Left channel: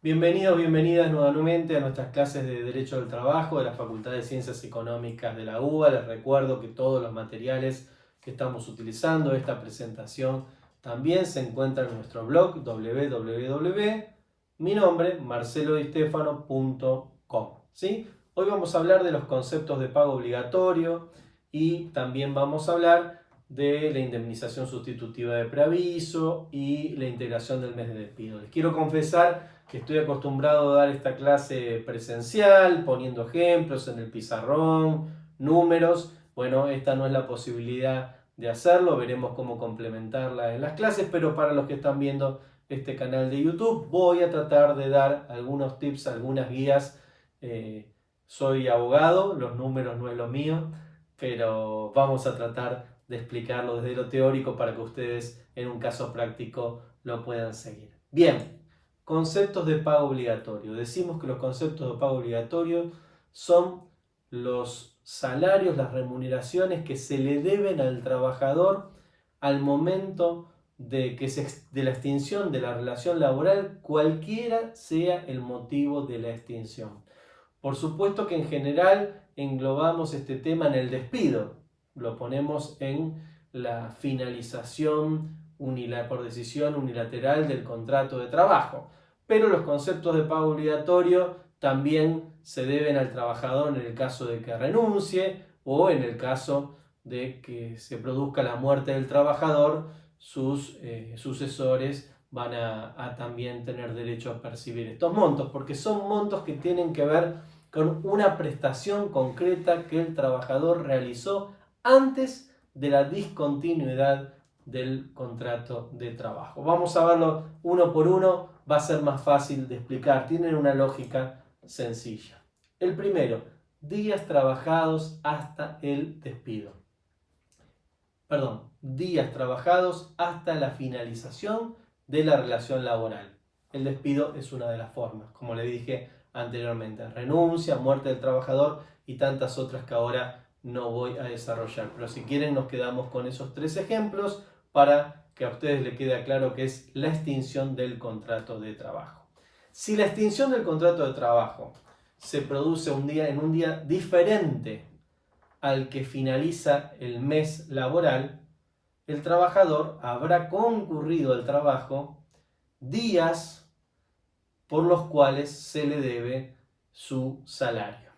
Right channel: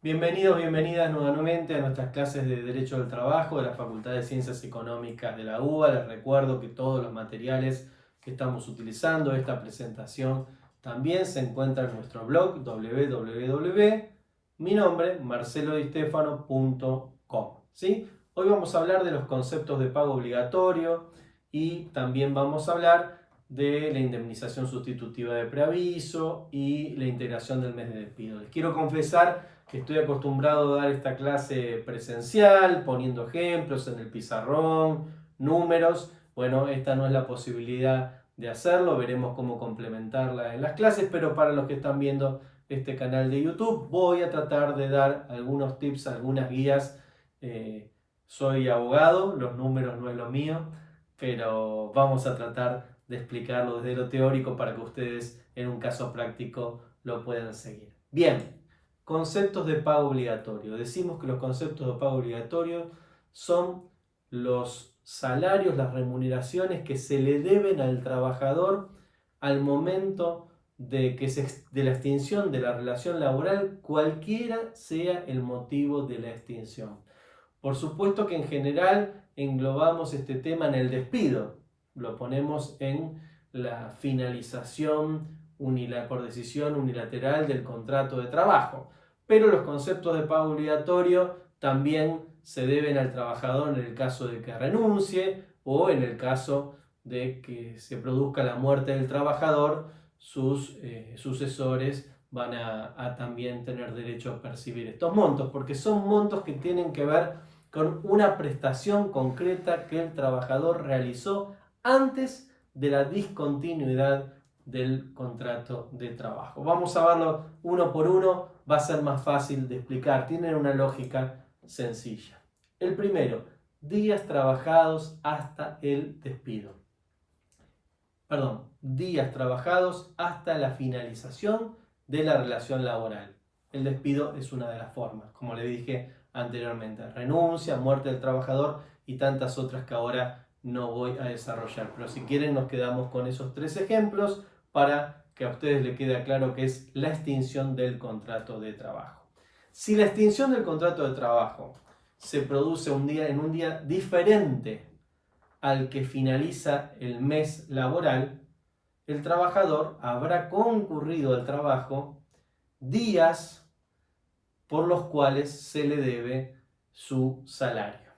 Bienvenidos, bienvenidas nuevamente a nuestras clases de Derecho del Trabajo de la Facultad de Ciencias Económicas de la UBA. Les recuerdo que todos los materiales que estamos utilizando, esta presentación, también se encuentran en nuestro blog www.minombre.marcelodistefano.com. ¿Sí? Hoy vamos a hablar de los conceptos de pago obligatorio y también vamos a hablar de la indemnización sustitutiva de preaviso y la integración del mes de despido. Les quiero confesar que estoy acostumbrado a dar esta clase presencial, poniendo ejemplos en el pizarrón, números. Bueno, esta no es la posibilidad de hacerlo, veremos cómo complementarla en las clases, pero para los que están viendo este canal de YouTube, voy a tratar de dar algunos tips, algunas guías. Soy abogado, los números no es lo mío, pero vamos a tratar de explicarlo desde lo teórico para que ustedes en un caso práctico lo puedan seguir. Bien. Conceptos de pago obligatorio. Decimos que los conceptos de pago obligatorio son los salarios, las remuneraciones que se le deben al trabajador al momento de la extinción de la relación laboral, cualquiera sea el motivo de la extinción. Por supuesto que en general englobamos este tema en el despido, lo ponemos en la finalización por decisión unilateral del contrato de trabajo. Pero los conceptos de pago obligatorio también se deben al trabajador en el caso de que renuncie o en el caso de que se produzca la muerte del trabajador, sus sucesores van a también tener derecho a percibir estos montos, porque son montos que tienen que ver con una prestación concreta que el trabajador realizó antes de la discontinuidad del contrato de trabajo. Vamos a verlo uno por uno, va a ser más fácil de explicar, tienen una lógica sencilla. El primero, días trabajados hasta el despido. Días trabajados hasta la finalización de la relación laboral. El despido es una de las formas, como le dije anteriormente, renuncia, muerte del trabajador y tantas otras que ahora no voy a desarrollar. Pero si quieren nos quedamos con esos tres ejemplos para que a ustedes les quede claro que es la extinción del contrato de trabajo. Si la extinción del contrato de trabajo se produce en un día diferente al que finaliza el mes laboral, el trabajador habrá concurrido al trabajo días por los cuales se le debe su salario.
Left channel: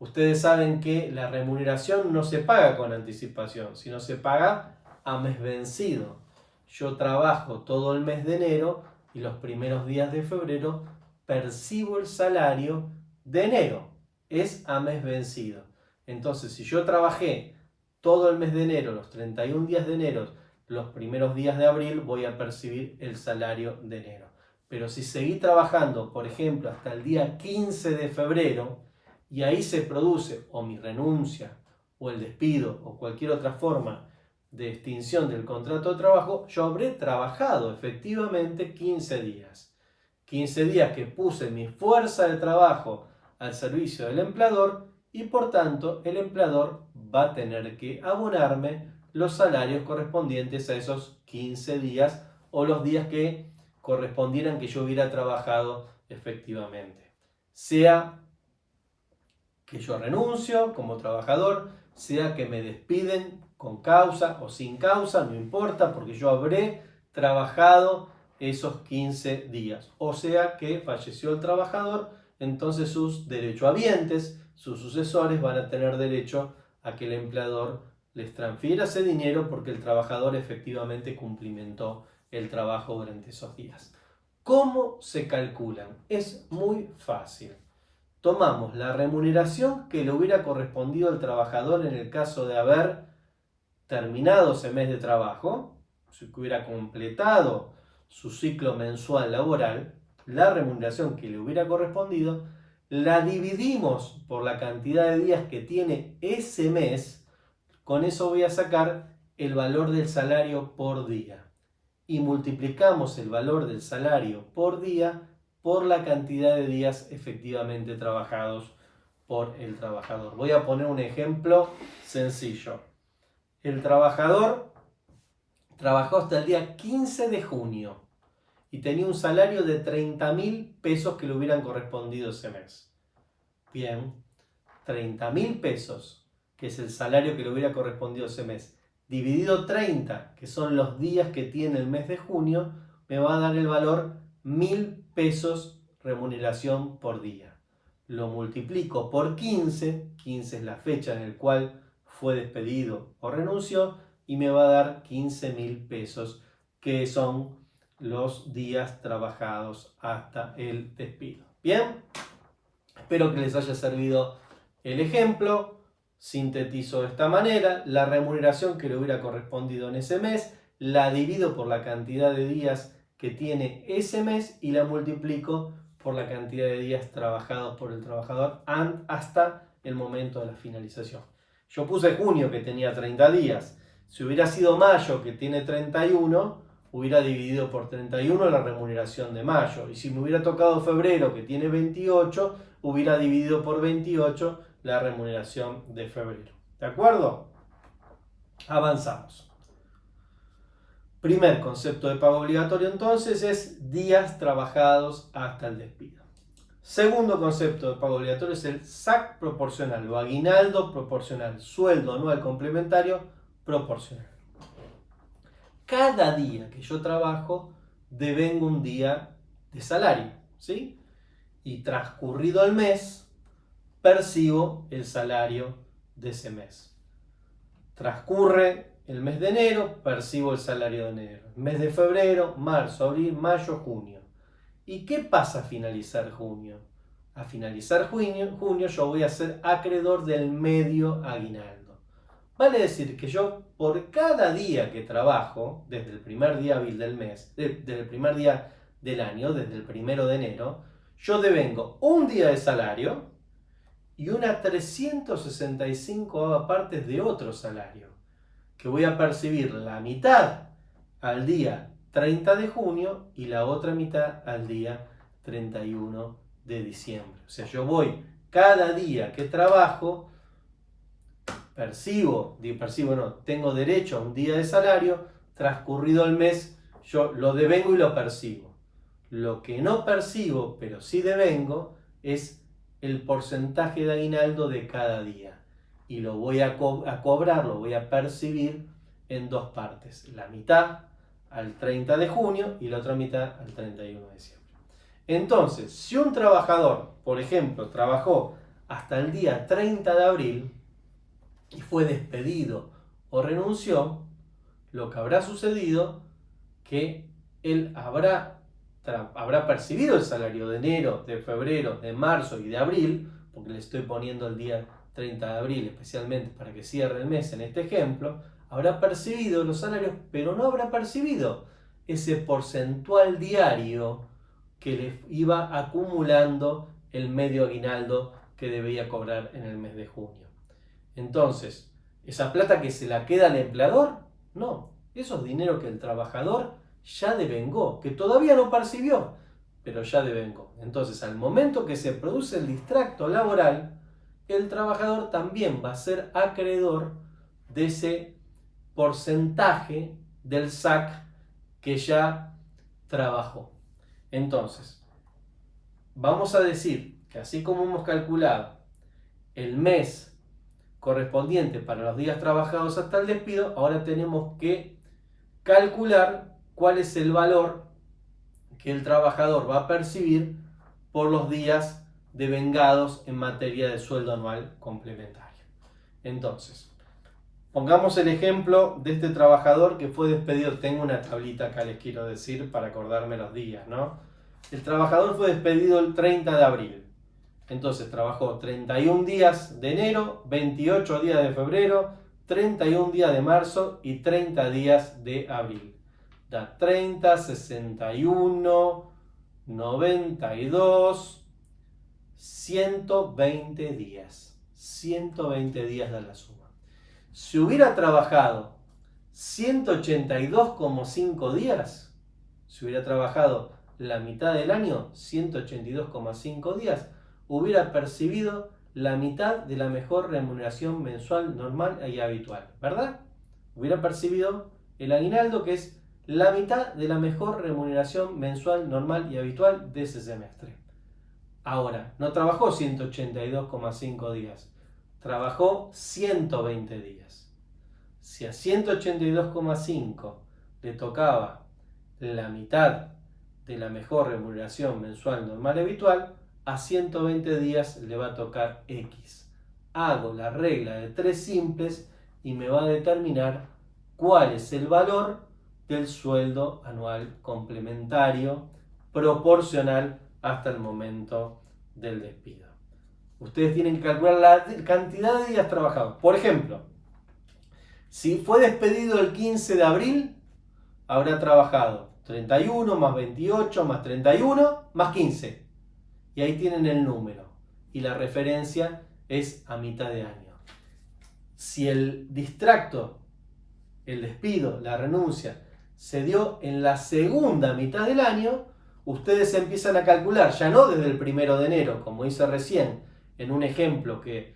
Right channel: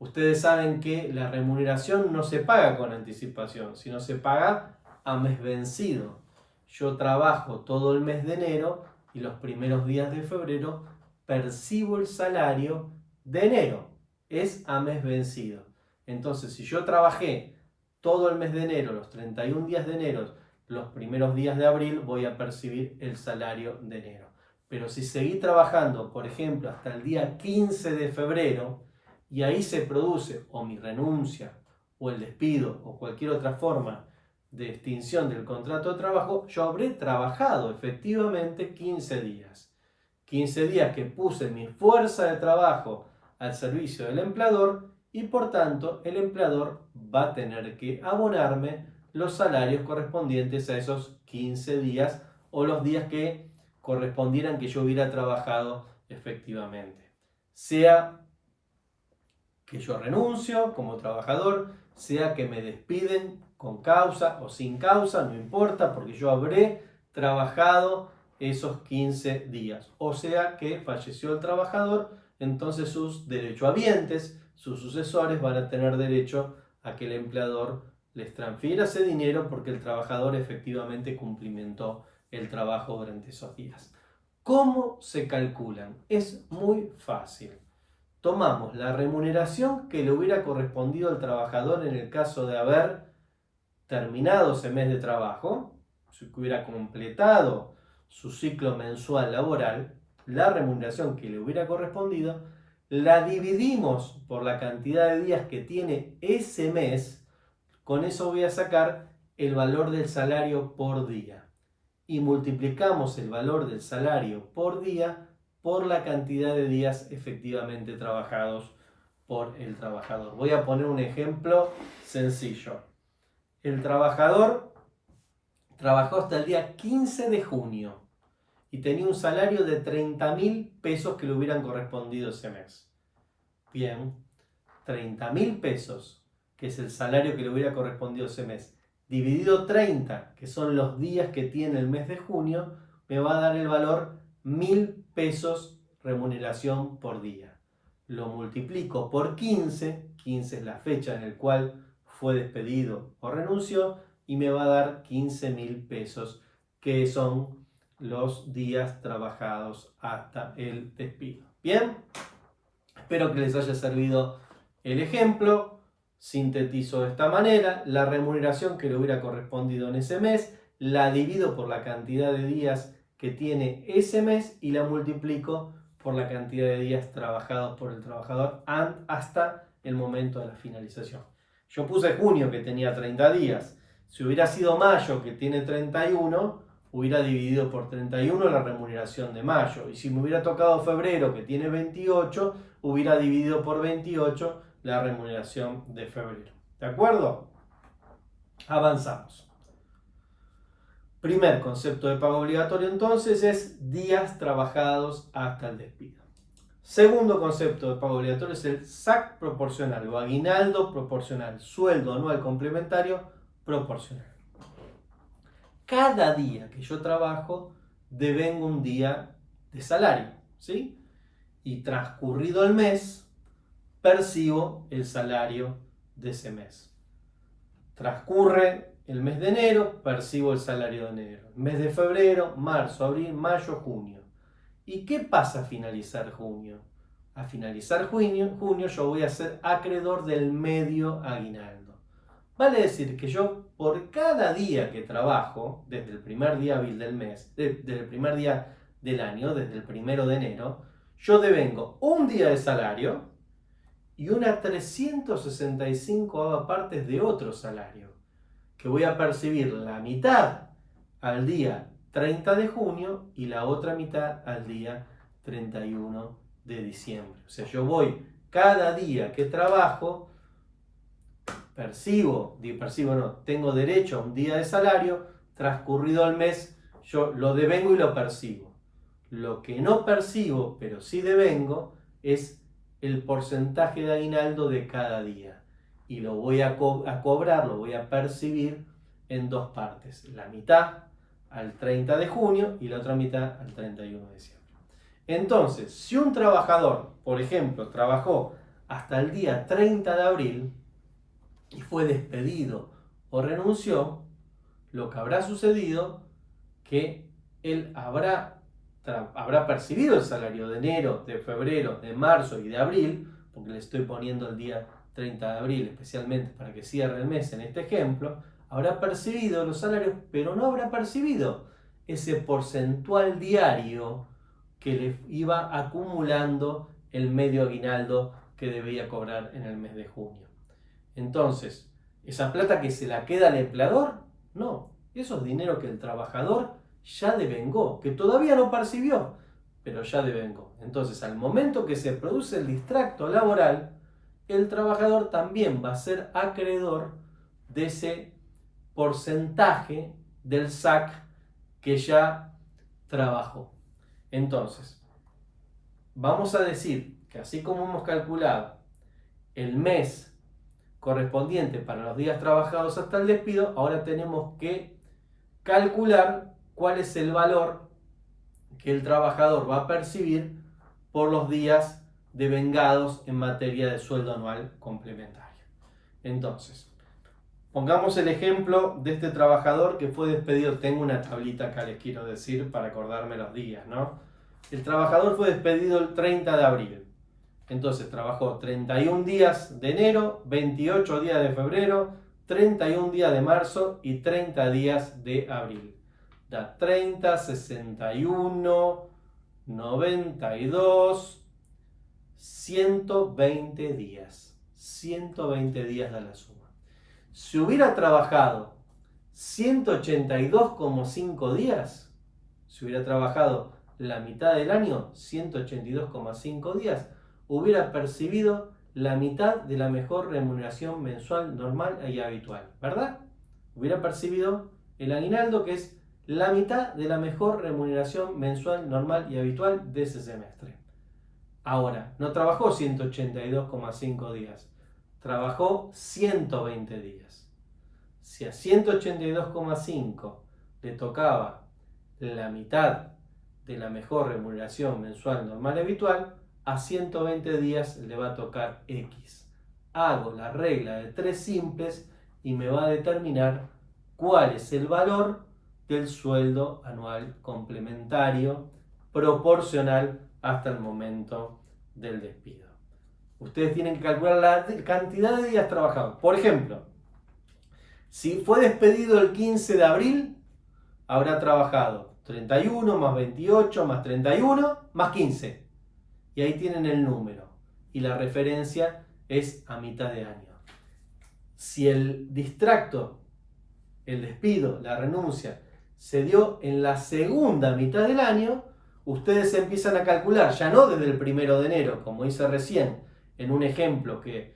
Ustedes saben que la remuneración no se paga con anticipación, sino se paga a mes vencido. Yo trabajo todo el mes de enero y los primeros días de febrero percibo el salario de enero. Es a mes vencido. Entonces, si yo trabajé todo el mes de enero, los 31 días de enero, los primeros días de abril, voy a percibir el salario de enero. Pero si seguí trabajando, por ejemplo, hasta el día 15 de febrero, y ahí se produce o mi renuncia, o el despido, o cualquier otra forma de extinción del contrato de trabajo, yo habré trabajado efectivamente 15 días. 15 días que puse mi fuerza de trabajo al servicio del empleador y por tanto el empleador va a tener que abonarme los salarios correspondientes a esos 15 días o los días que correspondieran que yo hubiera trabajado efectivamente. Sea que yo renuncio como trabajador, sea que me despiden con causa o sin causa, no importa, porque yo habré trabajado esos 15 días. O sea que falleció el trabajador, entonces sus derechohabientes, sus sucesores, van a tener derecho a que el empleador les transfiera ese dinero porque el trabajador efectivamente cumplimentó el trabajo durante esos días. ¿Cómo se calculan? Es muy fácil. Tomamos la remuneración que le hubiera correspondido al trabajador en el caso de haber terminado ese mes de trabajo, si hubiera completado su ciclo mensual laboral, la remuneración que le hubiera correspondido, la dividimos por la cantidad de días que tiene ese mes, con eso voy a sacar el valor del salario por día. Y multiplicamos el valor del salario por día por la cantidad de días efectivamente trabajados por el trabajador. Voy a poner un ejemplo sencillo. El trabajador trabajó hasta el día 15 de junio y tenía un salario de 30.000 pesos que le hubieran correspondido ese mes. Bien, 30.000 pesos, que es el salario que le hubiera correspondido ese mes, dividido 30, que son los días que tiene el mes de junio, me va a dar el valor 1.000 pesos remuneración por día. Lo multiplico por 15, 15 es la fecha en la cual fue despedido o renunció, y me va a dar 15.000 pesos, que son los días trabajados hasta el despido. Bien, espero que les haya servido el ejemplo. Sintetizo de esta manera: la remuneración que le hubiera correspondido en ese mes, la divido por la cantidad de días que tiene ese mes y la multiplico por la cantidad de días trabajados por el trabajador hasta el momento de la finalización. Yo puse junio, que tenía 30 días. Si hubiera sido mayo, que tiene 31, hubiera dividido por 31 la remuneración de mayo. Y si me hubiera tocado febrero, que tiene 28, hubiera dividido por 28 la remuneración de febrero. ¿De acuerdo? Avanzamos. Primer concepto de pago obligatorio entonces es días trabajados hasta el despido. Segundo concepto de pago obligatorio es el SAC proporcional o aguinaldo proporcional, sueldo anual complementario proporcional. Cada día que yo trabajo devengo un día de salario, ¿sí? Y transcurrido el mes, percibo el salario de ese mes. Transcurre el mes de enero, percibo el salario de enero. Mes de febrero, marzo, abril, mayo, junio. ¿Y qué pasa a finalizar junio? A finalizar junio yo voy a ser acreedor del medio aguinaldo. Vale decir que yo, por cada día que trabajo, desde el primer día hábil del mes, desde el primer día del año, desde el 1 de enero, yo devengo un día de salario y una 365 partes de otro salario, que voy a percibir la mitad al día 30 de junio y la otra mitad al día 31 de diciembre. O sea, yo voy cada día que trabajo, tengo derecho a un día de salario, transcurrido el mes, yo lo devengo y lo percibo. Lo que no percibo, pero sí devengo, es el porcentaje de aguinaldo de cada día. Y lo voy a cobrar, lo voy a percibir en dos partes. La mitad al 30 de junio y la otra mitad al 31 de diciembre. Entonces, si un trabajador, por ejemplo, trabajó hasta el día 30 de abril y fue despedido o renunció, lo que habrá sucedido que él habrá percibido el salario de enero, de febrero, de marzo y de abril, porque le estoy poniendo el día 30 de abril especialmente para que cierre el mes en este ejemplo, habrá percibido los salarios, pero no habrá percibido ese porcentual diario que le iba acumulando el medio aguinaldo que debía cobrar en el mes de junio. Entonces, ¿esa plata que se la queda al empleador? No, eso es dinero que el trabajador ya devengó, que todavía no percibió, pero ya devengó. Entonces, al momento que se produce el distracto laboral, el trabajador también va a ser acreedor de ese porcentaje del SAC que ya trabajó. Entonces, vamos a decir que así como hemos calculado el mes correspondiente para los días trabajados hasta el despido, ahora tenemos que calcular cuál es el valor que el trabajador va a percibir por los días devengados en materia de sueldo anual complementario. Entonces, pongamos el ejemplo de este trabajador que fue despedido. Tengo una tablita acá, les quiero decir, para acordarme los días, ¿no? El trabajador fue despedido el 30 de abril. Entonces trabajó 31 días de enero, 28 días de febrero, 31 días de marzo y 30 días de abril. Da 30, 61, 92, 120 días. 120 días da la suma. Si hubiera trabajado 182,5 días, si hubiera trabajado la mitad del año, 182,5 días, hubiera percibido la mitad de la mejor remuneración mensual normal y habitual, ¿verdad? Hubiera percibido el aguinaldo, que es la mitad de la mejor remuneración mensual normal y habitual de ese semestre. Ahora, no trabajó 182,5 días, trabajó 120 días. Si a 182,5 le tocaba la mitad de la mejor remuneración mensual normal y habitual, a 120 días le va a tocar X. Hago la regla de 3 simples y me va a determinar cuál es el valor del sueldo anual complementario proporcional hasta el momento del despido. Ustedes tienen que calcular la cantidad de días trabajados. Por ejemplo, si fue despedido el 15 de abril, habrá trabajado 31 más 28 más 31 más 15. Y ahí tienen el número. Y la referencia es a mitad de año. Si el distracto, el despido, la renuncia, se dio en la segunda mitad del año, ustedes empiezan a calcular, ya no desde el 1 de enero, como hice recién, en un ejemplo que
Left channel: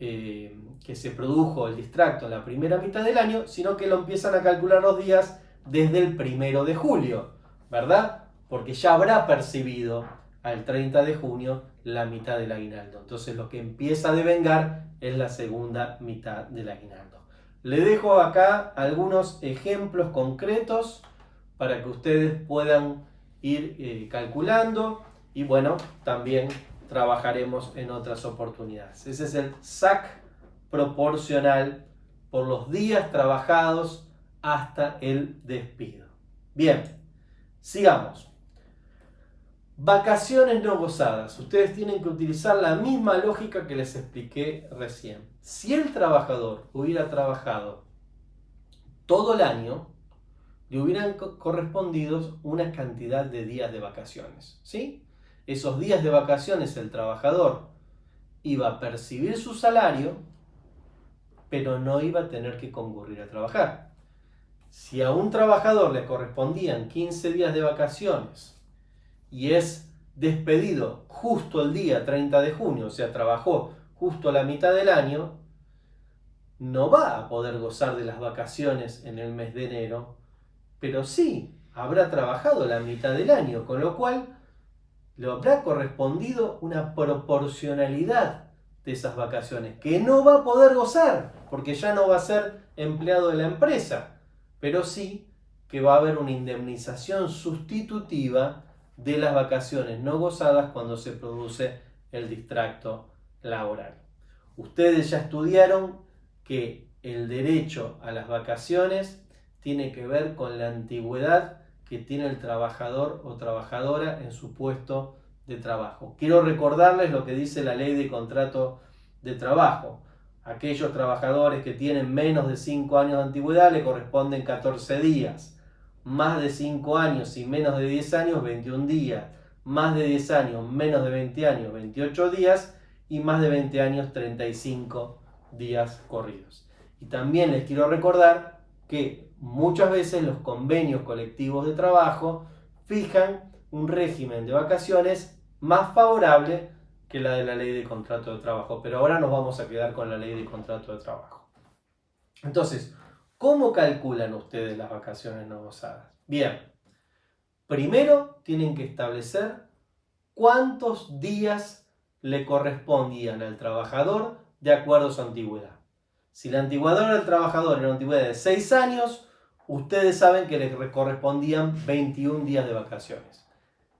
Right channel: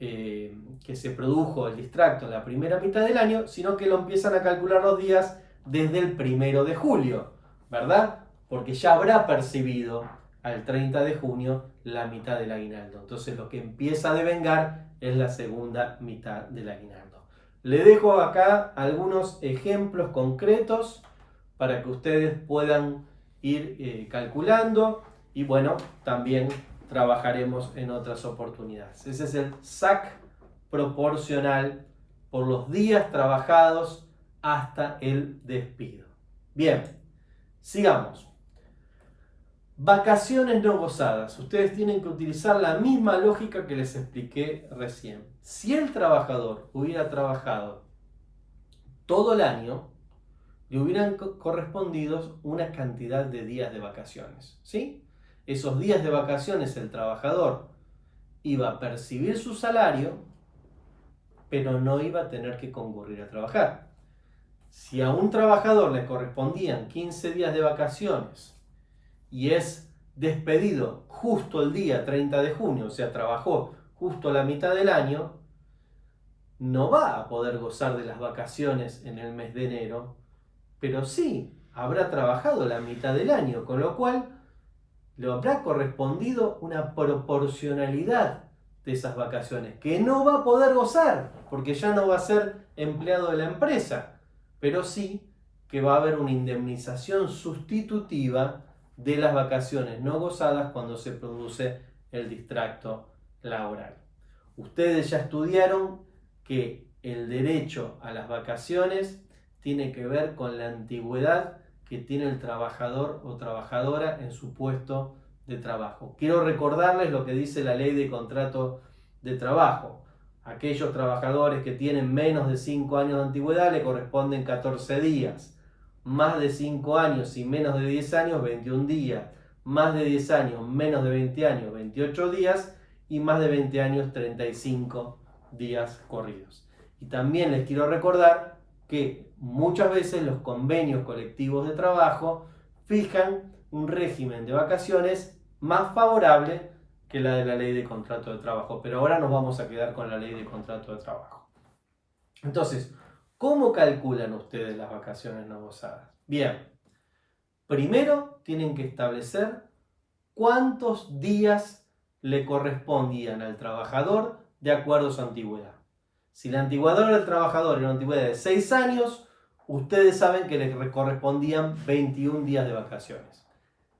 se produjo el distracto en la primera mitad del año, sino que lo empiezan a calcular los días desde el 1 de julio, ¿verdad? Porque ya habrá percibido al 30 de junio la mitad del aguinaldo. Entonces lo que empieza a devengar es la segunda mitad del aguinaldo. Le dejo acá algunos ejemplos concretos para que ustedes puedan ir calculando y bueno, también trabajaremos en otras oportunidades. Ese es el SAC proporcional por los días trabajados hasta el despido. Bien, sigamos. Vacaciones no gozadas. Ustedes tienen que utilizar la misma lógica que les expliqué recién. Si el trabajador hubiera trabajado todo el año, le hubieran correspondido una cantidad de días de vacaciones, ¿sí? Esos días de vacaciones el trabajador iba a percibir su salario, pero no iba a tener que concurrir a trabajar. Si a un trabajador le correspondían 15 días de vacaciones y es despedido justo el día 30 de junio, o sea, trabajó justo la mitad del año, no va a poder gozar de las vacaciones en el mes de enero, pero sí habrá trabajado la mitad del año, con lo cual le habrá correspondido una proporcionalidad de esas vacaciones, que no va a poder gozar, porque ya no va a ser empleado de la empresa, pero sí que va a haber una indemnización sustitutiva de las vacaciones no gozadas cuando se produce el distracto laboral. Ustedes ya estudiaron que el derecho a las vacaciones tiene que ver con la antigüedad que tiene el trabajador o trabajadora en su puesto de trabajo. Quiero recordarles lo que dice la ley de contrato de trabajo. Aquellos trabajadores que tienen menos de 5 años de antigüedad le corresponden 14 días. Más de 5 años y menos de 10 años, 21 días. Más de 10 años, menos de 20 años, 28 días. Y más de 20 años, 35 días corridos. Y también les quiero recordar que muchas veces los convenios colectivos de trabajo fijan un régimen de vacaciones más favorable que la de la ley de contrato de trabajo. Pero ahora nos vamos a quedar con la ley de contrato de trabajo. Entonces, ¿cómo calculan ustedes las vacaciones no gozadas? Bien, primero tienen que establecer cuántos días le correspondían al trabajador de acuerdo a su antigüedad. Si la antigüedad del trabajador era una antigüedad de 6 años, ustedes saben que le correspondían 21 días de vacaciones.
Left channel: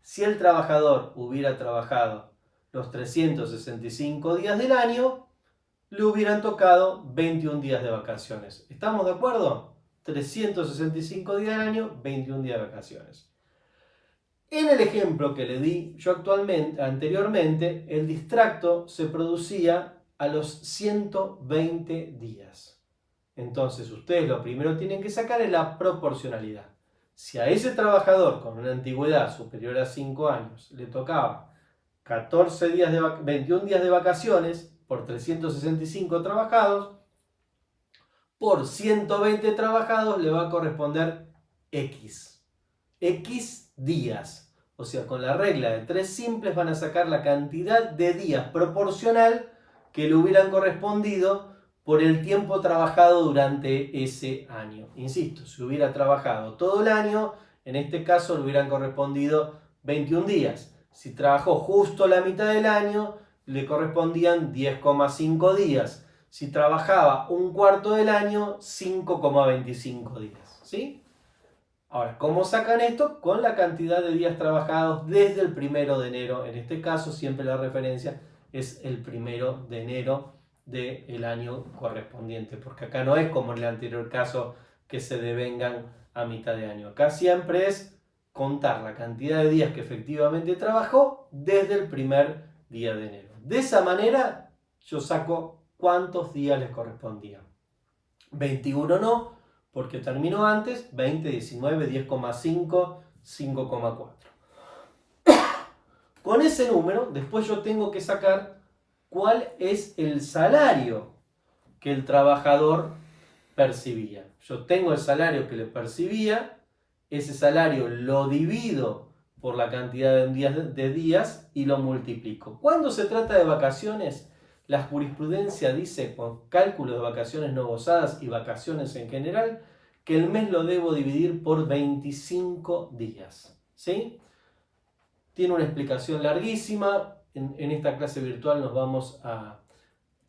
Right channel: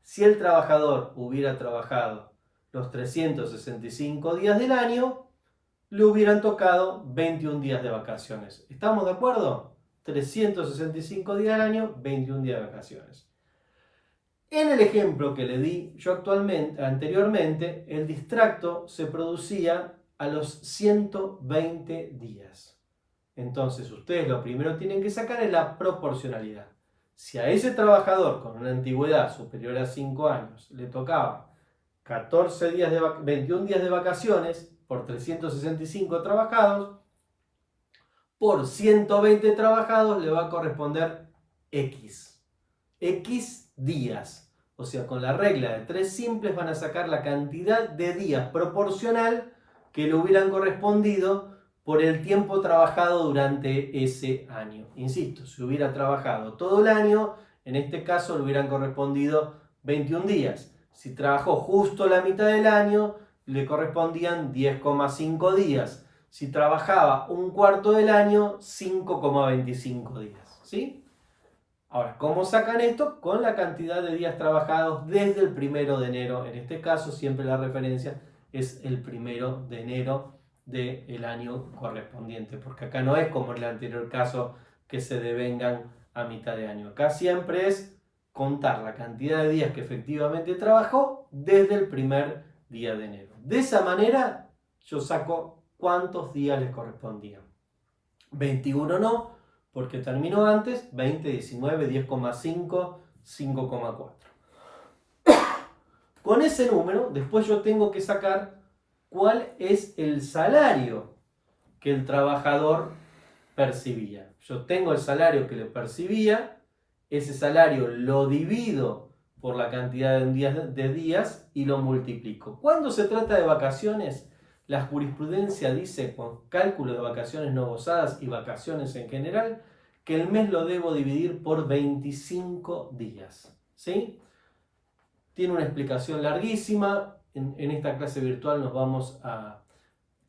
Si el trabajador hubiera trabajado los 365 días del año, le hubieran tocado 21 días de vacaciones. ¿Estamos de acuerdo? 365 días del año, 21 días de vacaciones. En el ejemplo que le di yo anteriormente, el distracto se producía a los 120 días. Entonces, ustedes lo primero que tienen que sacar es la proporcionalidad. Si a ese trabajador con una antigüedad superior a 5 años le tocaba 21 días de vacaciones por 365 trabajados, por 120 trabajados le va a corresponder X. X días. O sea, con la regla de 3 simples van a sacar la cantidad de días proporcional que le hubieran correspondido por el tiempo trabajado durante ese año. Insisto, si hubiera trabajado todo el año, en este caso le hubieran correspondido 21 días. Si trabajó justo la mitad del año, le correspondían 10,5 días. Si trabajaba un cuarto del año, 5,25 días. ¿Sí? Ahora, ¿cómo sacan esto? Con la cantidad de días trabajados desde el 1 de enero. En este caso, siempre la referencia es el 1 de enero del año correspondiente, porque acá no es como en el anterior caso que se devengan a mitad de año. Acá siempre es contar la cantidad de días que efectivamente trabajó desde el primer día de enero. De esa manera yo saco cuántos días les correspondían. 21 no, porque terminó antes, 20, 19, 10,5, 5,4. Con ese número, después yo tengo que sacar cuál es el salario que el trabajador percibía. Yo tengo el salario que le percibía, ese salario lo divido por la cantidad de días y lo multiplico. Cuando se trata de vacaciones, la jurisprudencia dice, con cálculo de vacaciones no gozadas y vacaciones en general, que el mes lo debo dividir por 25 días. ¿Sí? Tiene una explicación larguísima. En esta clase virtual nos vamos a...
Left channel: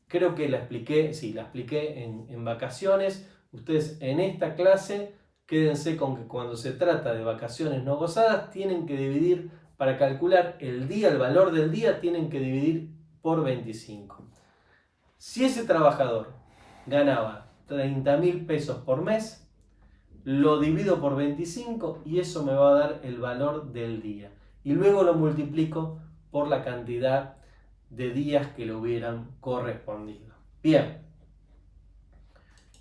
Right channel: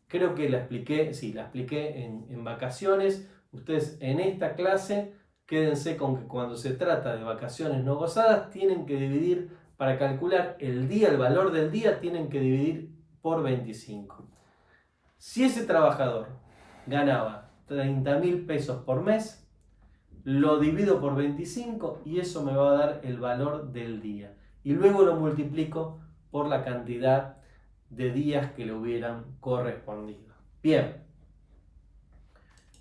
Creo que la expliqué, sí, la expliqué en vacaciones. Ustedes en esta clase quédense con que cuando se trata de vacaciones no gozadas tienen que dividir, para calcular el día, el valor del día, tienen que dividir por 25. Si ese trabajador ganaba 30.000 pesos por mes, lo divido por 25 y eso me va a dar el valor del día. Y luego lo multiplico por la cantidad de días que le hubieran correspondido. Bien,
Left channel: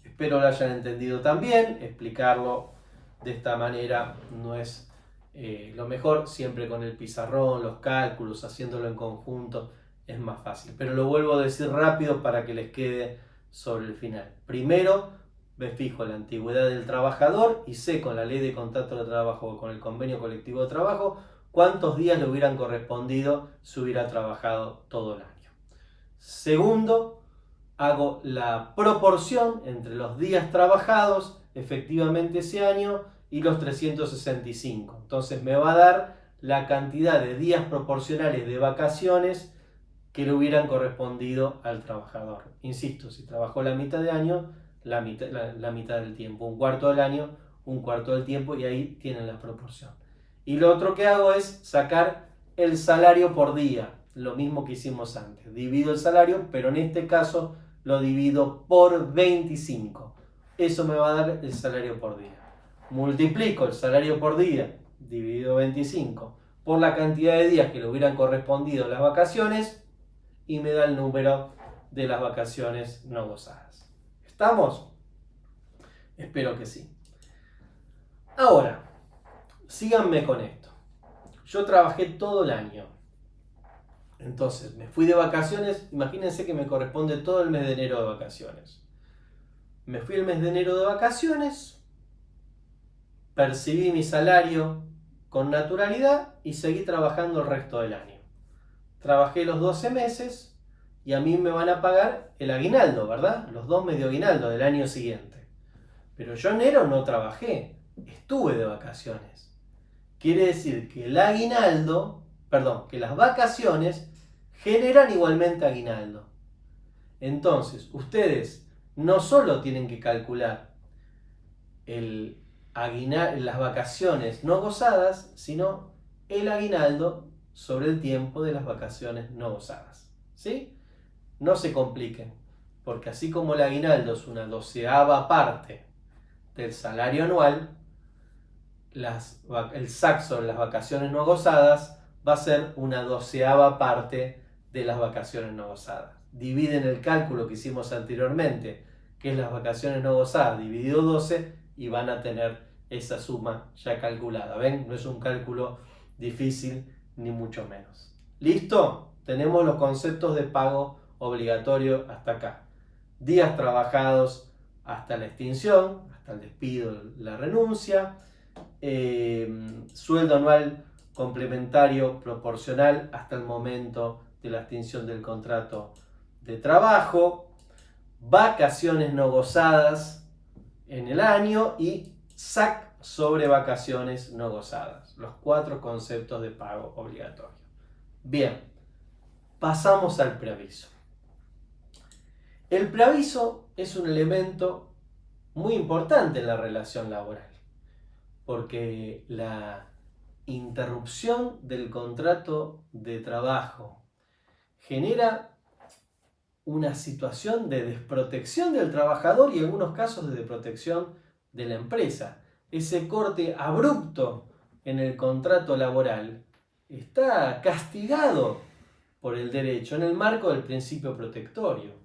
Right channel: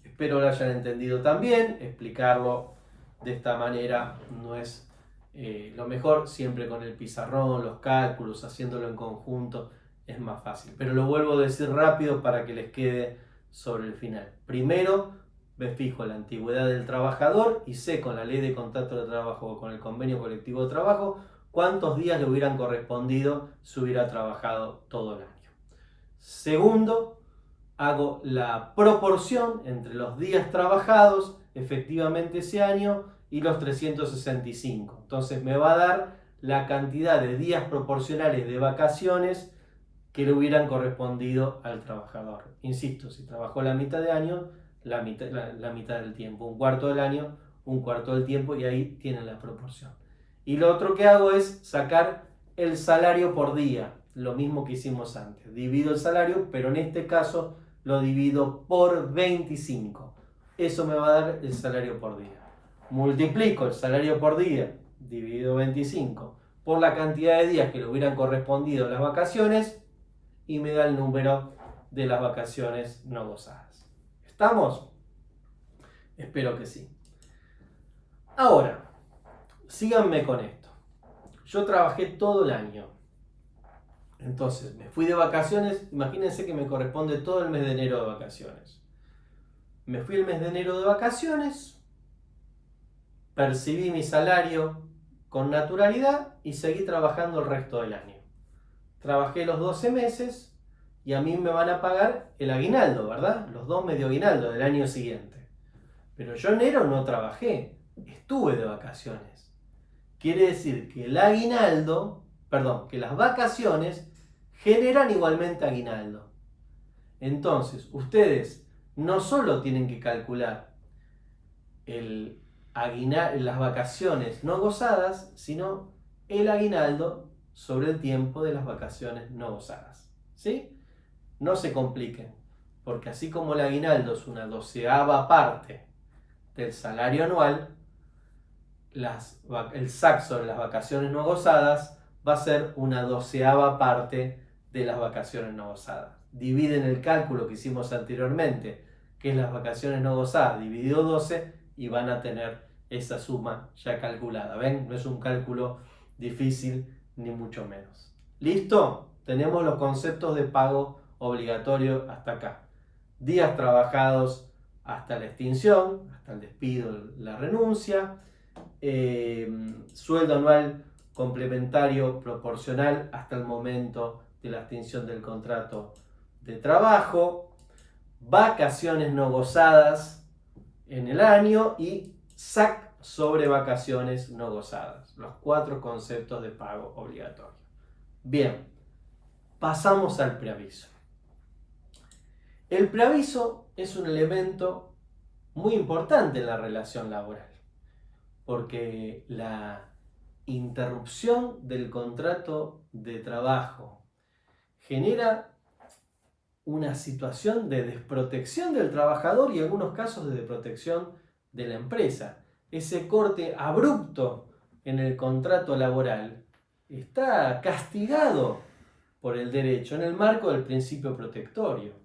espero lo hayan entendido también. Explicarlo de esta manera no es lo mejor. Siempre con el pizarrón, los cálculos, haciéndolo en conjunto es más fácil. Pero lo vuelvo a decir rápido para que les quede sobre el final. Primero, me fijo la antigüedad del trabajador y sé con la ley de contrato de trabajo o con el convenio colectivo de trabajo cuántos días le hubieran correspondido si hubiera trabajado todo el año. Segundo, hago la proporción entre los días trabajados efectivamente ese año y los 365. Entonces me va a dar la cantidad de días proporcionales de vacaciones que le hubieran correspondido al trabajador. Insisto, si trabajó la mitad de año, la mitad del tiempo. Un cuarto del año, un cuarto del tiempo, y ahí tienen la proporción. Y lo otro que hago es sacar el salario por día, lo mismo que hicimos antes. Divido el salario, pero en este caso lo divido por 25. Eso me va a dar el salario por día. Multiplico el salario por día, dividido 25, por la cantidad de días que le hubieran correspondido a las vacaciones, y me da el número de las vacaciones no gozadas. ¿Estamos? Espero que sí. Ahora, síganme con esto. Yo trabajé todo el año. Entonces, me fui de vacaciones. Imagínense que me corresponde todo el mes de enero de vacaciones. Me fui el mes de enero de vacaciones, percibí mi salario con naturalidad y seguí trabajando el resto del año. Trabajé los 12 meses y a mí me van a pagar el aguinaldo, ¿verdad? Los 2 medio aguinaldo del año siguiente. Pero yo en enero no trabajé, estuve de vacaciones. Quiere decir que el aguinaldo, que las vacaciones generan igualmente aguinaldo. Entonces, ustedes no solo tienen que calcular las vacaciones no gozadas, sino el aguinaldo sobre el tiempo de las vacaciones no gozadas. ¿Sí? No se compliquen, porque así como el aguinaldo es una 12ª parte del salario anual, el SAC sobre las vacaciones no gozadas va a ser una 12ª parte de las vacaciones no gozadas. Dividen el cálculo que hicimos anteriormente, que es las vacaciones no gozadas, dividido 12, y van a tener esa suma ya calculada. ¿Ven? No es un cálculo difícil, ni mucho menos. ¿Listo? Tenemos los conceptos de pago obligatorio hasta acá. Días trabajados hasta la extinción, hasta el despido, la renuncia. Sueldo anual complementario proporcional hasta el momento de la extinción del contrato de trabajo. vacaciones no gozadas en el año y SAC sobre vacaciones no gozadas. Los 4 conceptos de pago obligatorio. Bien, pasamos al preaviso. El preaviso es un elemento muy importante en la relación laboral, porque la interrupción del contrato de trabajo genera una situación de desprotección del trabajador y en algunos casos de desprotección de la empresa. Ese corte abrupto en el contrato laboral está castigado por el derecho en el marco del principio protectorio.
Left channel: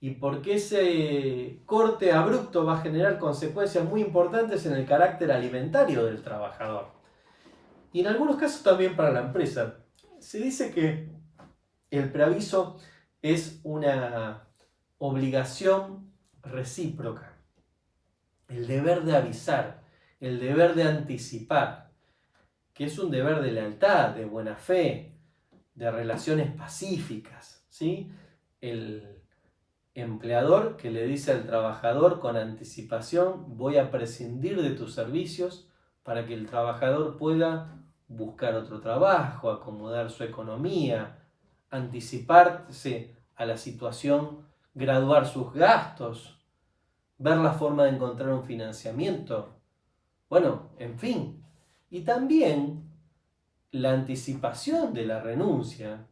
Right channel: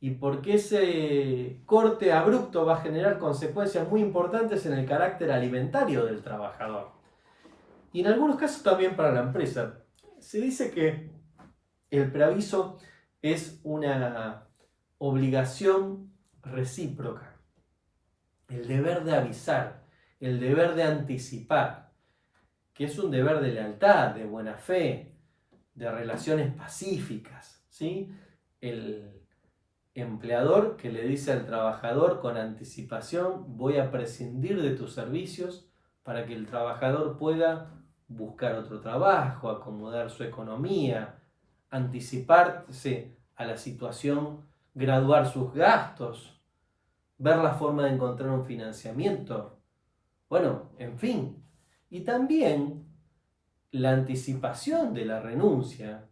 Y porque ese corte abrupto va a generar consecuencias muy importantes en el carácter alimentario del trabajador. Y en algunos casos también para la empresa. Se dice que el preaviso es una obligación recíproca. El deber de avisar, el deber de anticipar, que es un deber de lealtad, de buena fe, de relaciones pacíficas, ¿sí? El empleador que le dice al trabajador con anticipación: voy a prescindir de tus servicios, para que el trabajador pueda buscar otro trabajo, acomodar su economía, anticiparse a la situación, graduar sus gastos, ver la forma de encontrar un financiamiento. Bueno, en fin. Y también la anticipación de la renuncia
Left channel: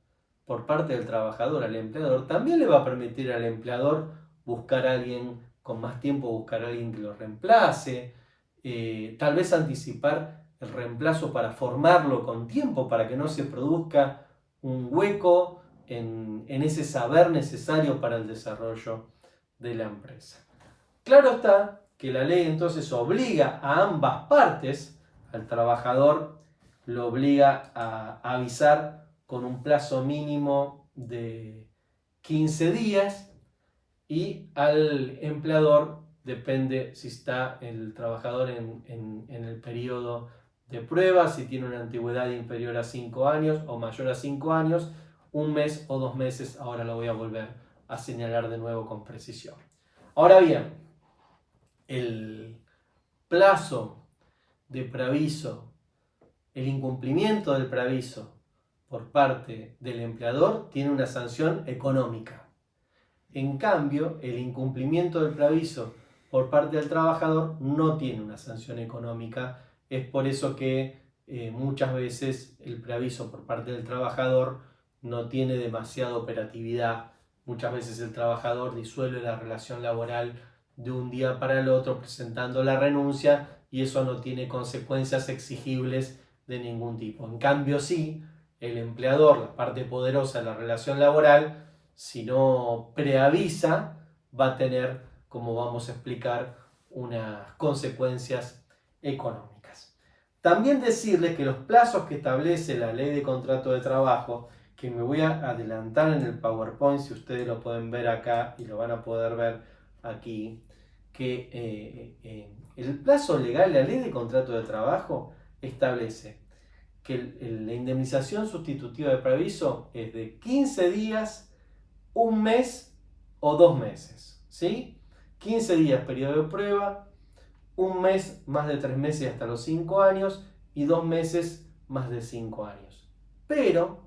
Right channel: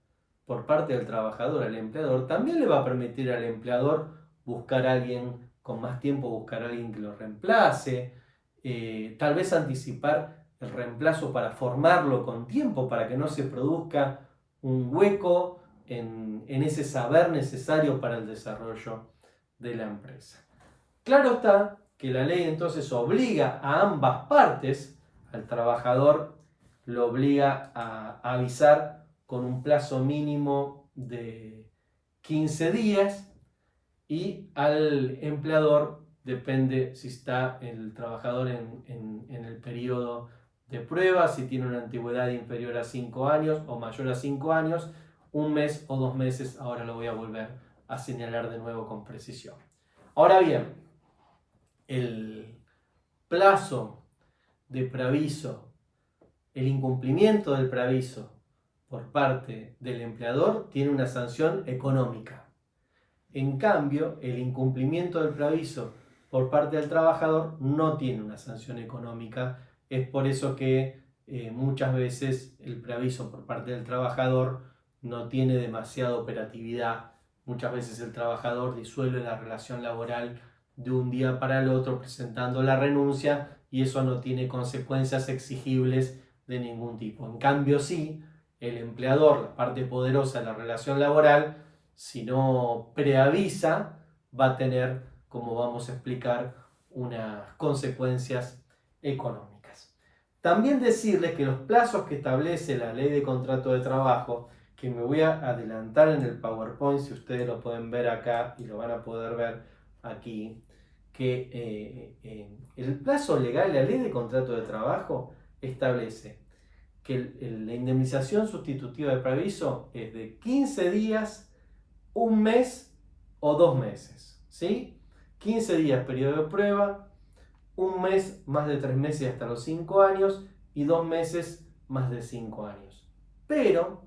por parte del trabajador al empleador también le va a permitir al empleador buscar a alguien con más tiempo, buscar a alguien que lo reemplace, tal vez anticipar el reemplazo para formarlo con tiempo, para que no se produzca un hueco en ese saber necesario para el desarrollo de la empresa. Claro está que la ley entonces obliga a ambas partes, al trabajador lo obliga a avisar con un plazo mínimo de 15 días y al empleador, depende si está el trabajador en el periodo de prueba, si tiene una antigüedad inferior a 5 años o mayor a 5 años, 1 mes o 2 meses. Ahora lo voy a volver a señalar de nuevo con precisión. Ahora bien, el plazo de preaviso, el incumplimiento del preaviso por parte del empleador tiene una sanción económica. En cambio, el incumplimiento del preaviso por parte del trabajador no tiene una sanción económica. Es por eso que muchas veces el preaviso por parte del trabajador no tiene demasiada operatividad. Muchas veces el trabajador disuelve la relación laboral de un día para el otro presentando la renuncia, y eso no tiene consecuencias exigibles de ningún tipo. En cambio, sí, el empleador, la parte poderosa de la relación laboral, si no preavisa, va a tener, como vamos a explicar, unas consecuencias económicas. También decirles que los plazos que establece la ley de contrato de trabajo, que me voy a adelantar en el PowerPoint, si ustedes lo pueden ver acá y lo van a poder ver aquí, que el plazo legal, la ley de contrato de trabajo establece que la indemnización sustitutiva de preaviso es de 15 días, 1 mes o 2 meses, ¿sí? 15 días periodo de prueba, 1 mes más de 3 meses hasta los 5 años y 2 meses más de 5 años. Pero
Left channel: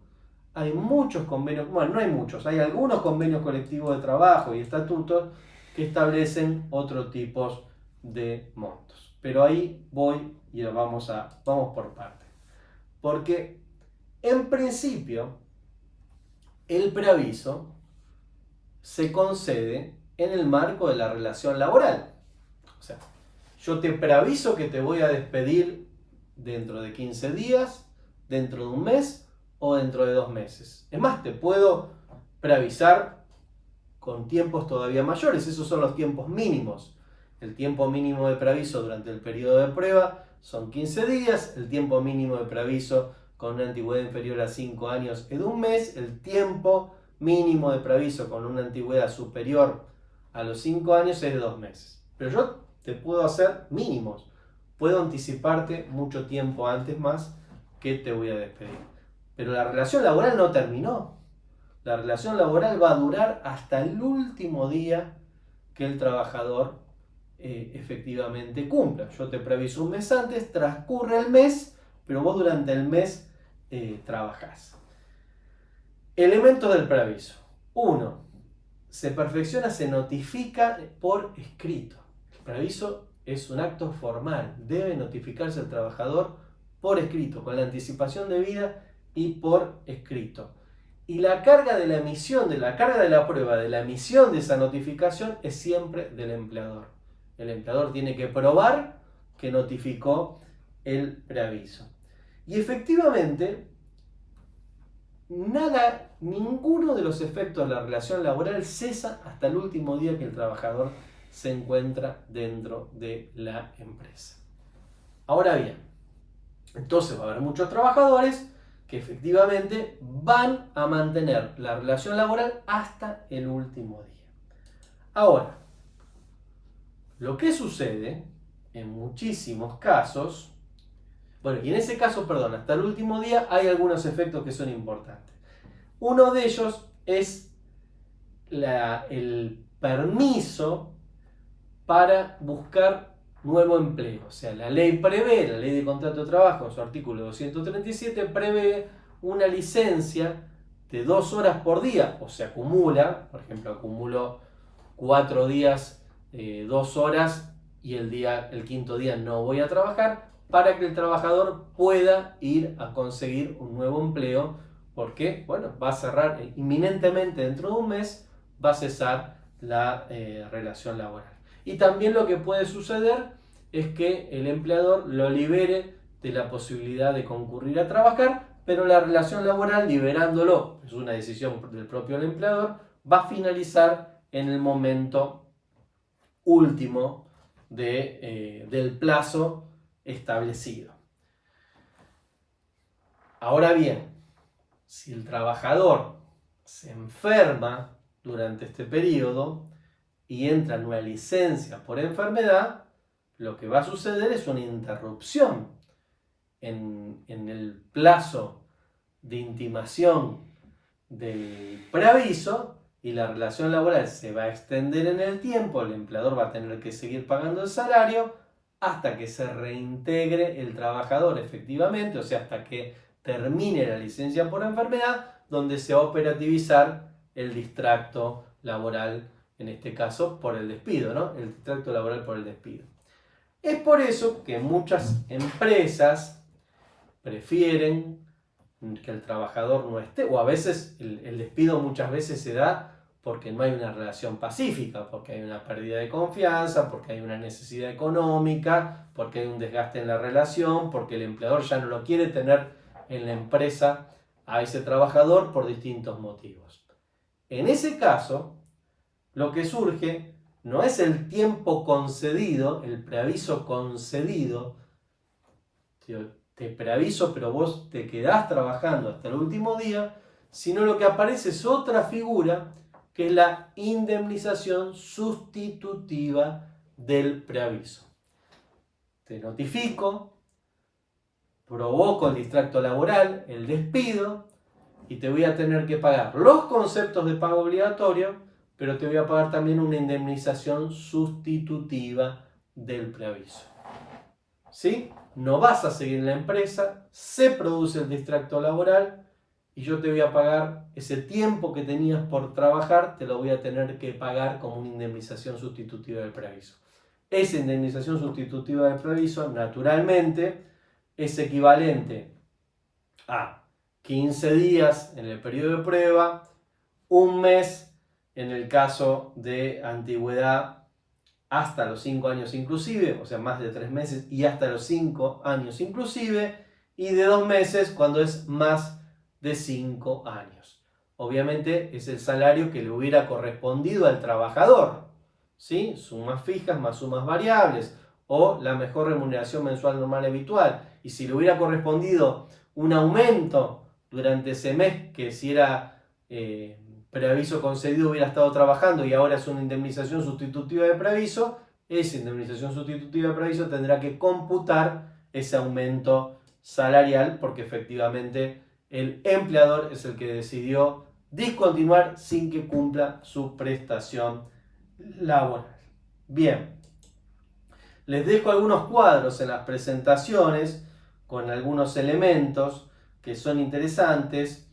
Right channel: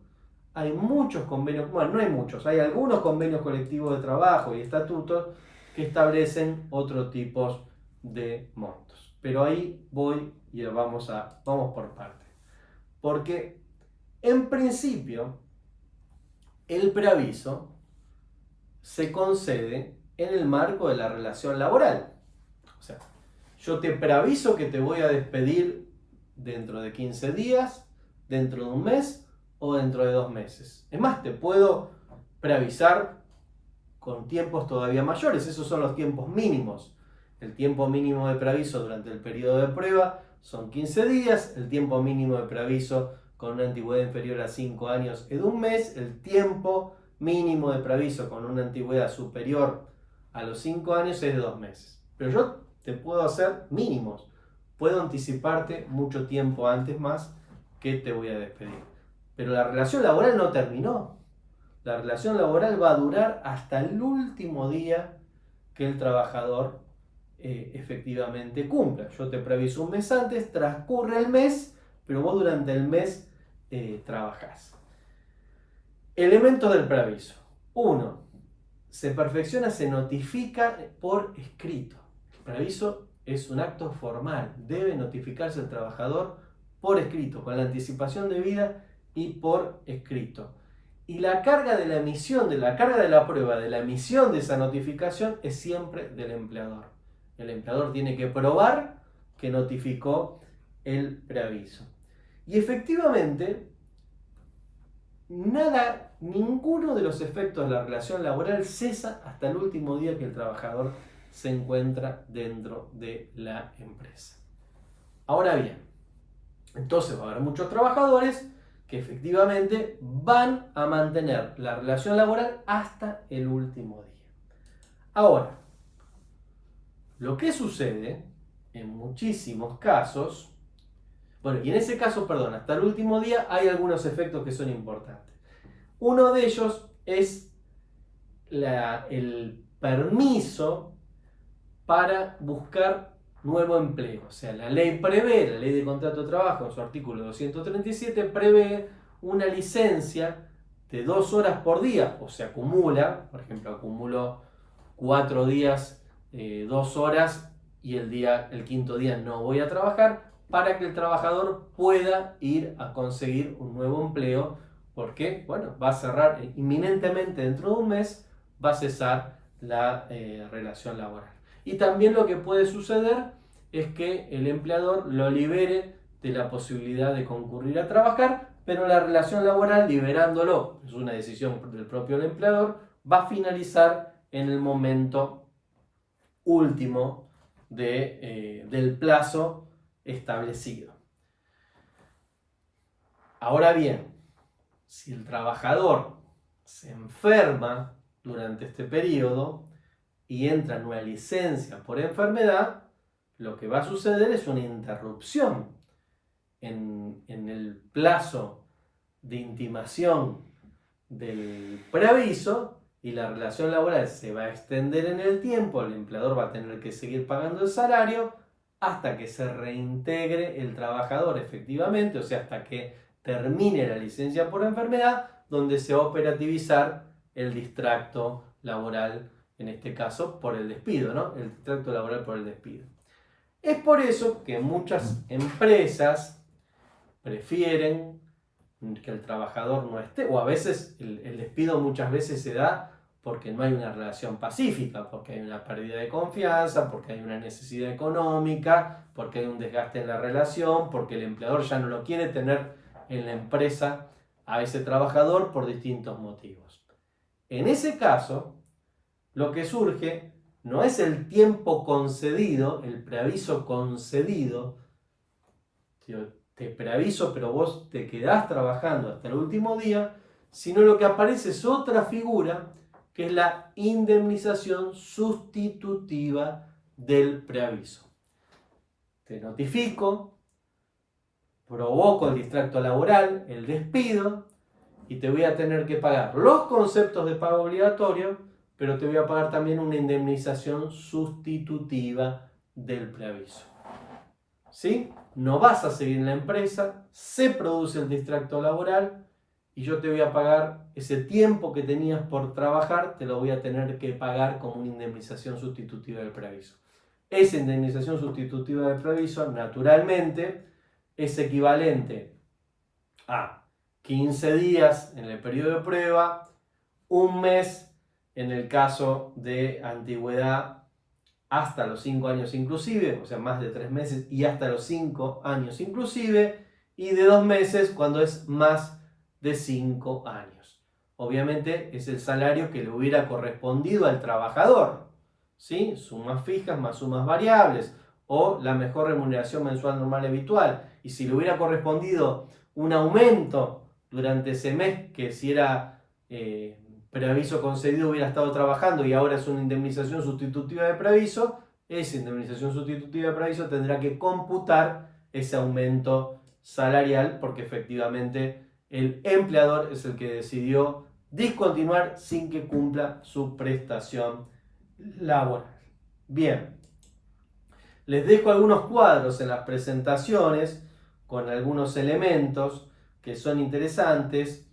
hay muchos convenios, bueno, no hay muchos, hay algunos convenios colectivos de trabajo y estatutos que establecen otro tipo de montos. Pero ahí voy y vamos por partes. Porque en principio el preaviso se concede en el marco de la relación laboral. O sea, yo te preaviso que te voy a despedir dentro de 15 días, dentro de 1 mes o dentro de 2 meses. Es más, te puedo preavisar con tiempos todavía mayores. Esos son los tiempos mínimos. El tiempo mínimo de preaviso durante el periodo de prueba son 15 días. El tiempo mínimo de preaviso con una antigüedad inferior a 5 años es de 1 mes. El tiempo mínimo de preaviso con una antigüedad superior a los 5 años es de 2 meses. Pero yo te puedo hacer mínimos. Puedo anticiparte mucho tiempo antes más que te voy a despedir. Pero la relación laboral no terminó. La relación laboral va a durar hasta el último día que el trabajador efectivamente cumpla. Yo te preaviso un mes antes, transcurre el mes, pero vos durante el mes trabajás. Elementos del preaviso. 1. Se perfecciona, se notifica por escrito. El preaviso es un acto formal. Debe notificarse al trabajador por escrito, con la anticipación debida y por escrito. Y la carga de la emisión, de la carga de la prueba, de la emisión de esa notificación es siempre del empleador. El empleador tiene que probar que notificó el preaviso. Y efectivamente, ninguno de los efectos de la relación laboral cesa hasta el último día que el trabajador se encuentra dentro de la empresa. Ahora bien, entonces va a haber muchos trabajadores que efectivamente van a mantener la relación laboral hasta el último día. Ahora, lo que sucede en muchísimos casos, y en ese caso, hasta el último día hay algunos efectos que son importantes. Uno de ellos es el permiso para buscar nuevo empleo. O sea, la ley de contrato de trabajo, en su artículo 237, prevé una licencia de 2 horas por día, o se acumula, por ejemplo, acumulo 4 días, 2 horas, y el quinto día no voy a trabajar, para que el trabajador pueda ir a conseguir un nuevo empleo, porque, va a cerrar inminentemente dentro de un mes, va a cesar la relación laboral. Y también lo que puede suceder es que el empleador lo libere de la posibilidad de concurrir a trabajar, pero la relación laboral, liberándolo, es una decisión del propio empleador, va a finalizar en el momento último del plazo establecido. Ahora bien, si el trabajador se enferma durante este periodo y entra en una licencia por enfermedad, lo que va a suceder es una interrupción en el plazo de intimación del preaviso, y la relación laboral se va a extender en el tiempo. El empleador va a tener que seguir pagando el salario hasta que se reintegre el trabajador efectivamente, o sea, hasta que termine la licencia por enfermedad, donde se va a operativizar el distracto laboral, en este caso por el despido, ¿no? El distracto laboral por el despido. Es por eso que muchas empresas prefieren que el trabajador no esté, o a veces el despido muchas veces se da porque no hay una relación pacífica, porque hay una pérdida de confianza, porque hay una necesidad económica, porque hay un desgaste en la relación, porque el empleador ya no lo quiere tener en la empresa a ese trabajador por distintos motivos. En ese caso, lo que surge no es el tiempo concedido, el preaviso concedido. Te preaviso, pero vos te quedás trabajando hasta el último día, sino lo que aparece es otra figura, que es la indemnización sustitutiva del preaviso. Te notifico, provoco el distracto laboral, el despido, y te voy a tener que pagar los conceptos de pago obligatorio, pero te voy a pagar también una indemnización sustitutiva del preaviso. ¿Sí? No vas a seguir en la empresa, se produce el distracto laboral y yo te voy a pagar ese tiempo que tenías por trabajar, te lo voy a tener que pagar como una indemnización sustitutiva del preaviso. Esa indemnización sustitutiva del preaviso, naturalmente, es equivalente a 15 días en el periodo de prueba, un mes en el caso de antigüedad, hasta los 5 años inclusive, o sea, más de 3 meses, y hasta los 5 años inclusive, y de 2 meses cuando es más de 5 años. Obviamente es el salario que le hubiera correspondido al trabajador, ¿sí? Sumas fijas más sumas variables, o la mejor remuneración mensual normal habitual. Y si le hubiera correspondido un aumento durante ese mes, que si era preaviso concedido hubiera estado trabajando y ahora es una indemnización sustitutiva de preaviso, esa indemnización sustitutiva de preaviso tendrá que computar ese aumento salarial, porque efectivamente el empleador es el que decidió discontinuar sin que cumpla su prestación laboral. Bien, les dejo algunos cuadros en las presentaciones con algunos elementos que son interesantes.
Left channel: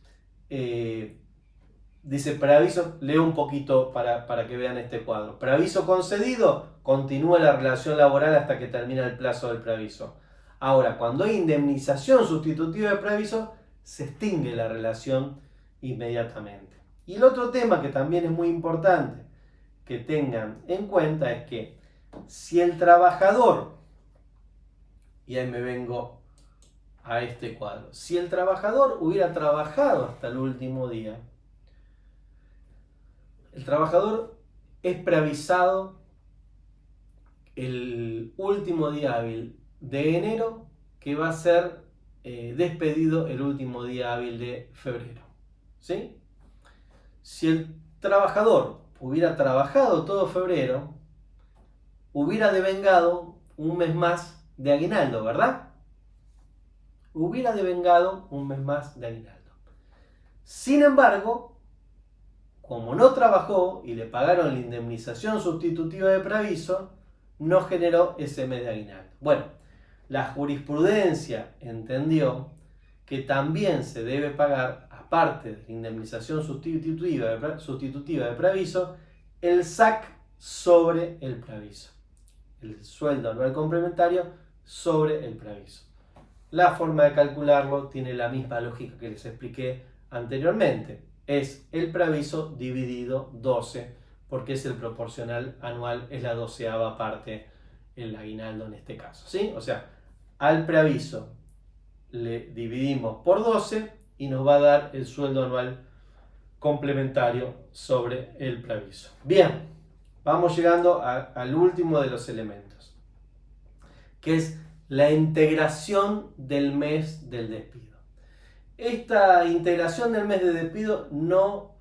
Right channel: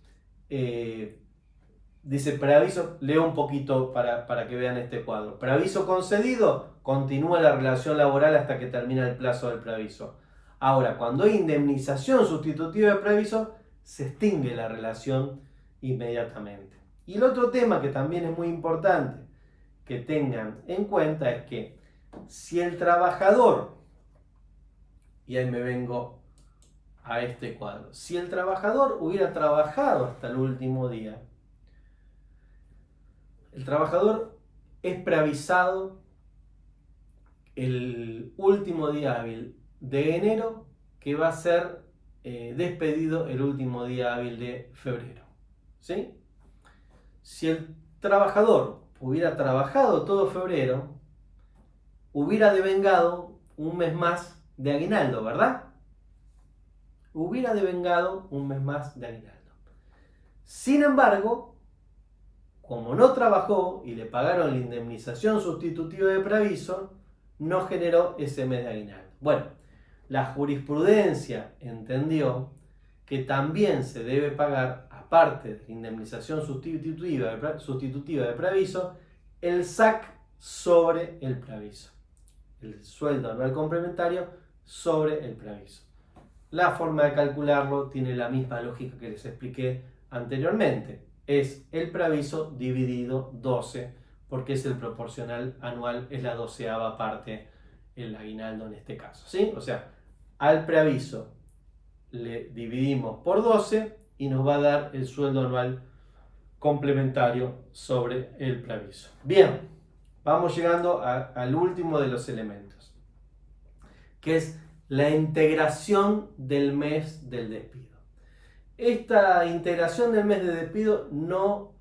Dice preaviso, leo un poquito para que vean este cuadro. Preaviso concedido, continúa la relación laboral hasta que termina el plazo del preaviso. Ahora, cuando hay indemnización sustitutiva de preaviso, se extingue la relación inmediatamente. Y el otro tema que también es muy importante que tengan en cuenta es que si el trabajador, y ahí me vengo a este cuadro, si el trabajador hubiera trabajado hasta el último día, el trabajador es preavisado el último día hábil de enero, que va a ser despedido el último día hábil de febrero. ¿Sí? Si el trabajador hubiera trabajado todo febrero, hubiera devengado un mes más de aguinaldo, ¿verdad? Hubiera devengado un mes más de aguinaldo. Sin embargo, como no trabajó y le pagaron la indemnización sustitutiva de preaviso, no generó ese mes de aguinaldo. Bueno, la jurisprudencia entendió que también se debe pagar, aparte de la indemnización sustitutiva de preaviso, el SAC sobre el preaviso. El sueldo anual complementario sobre el preaviso. La forma de calcularlo tiene la misma lógica que les expliqué anteriormente. Es el preaviso dividido 12, porque es el proporcional anual, es la 12ª parte, el aguinaldo en este caso, ¿sí? O sea, al preaviso le dividimos por 12 y nos va a dar el sueldo anual complementario sobre el preaviso. Bien, vamos llegando al último de los elementos, que es la integración del mes del despido. Esta integración del mes de despido no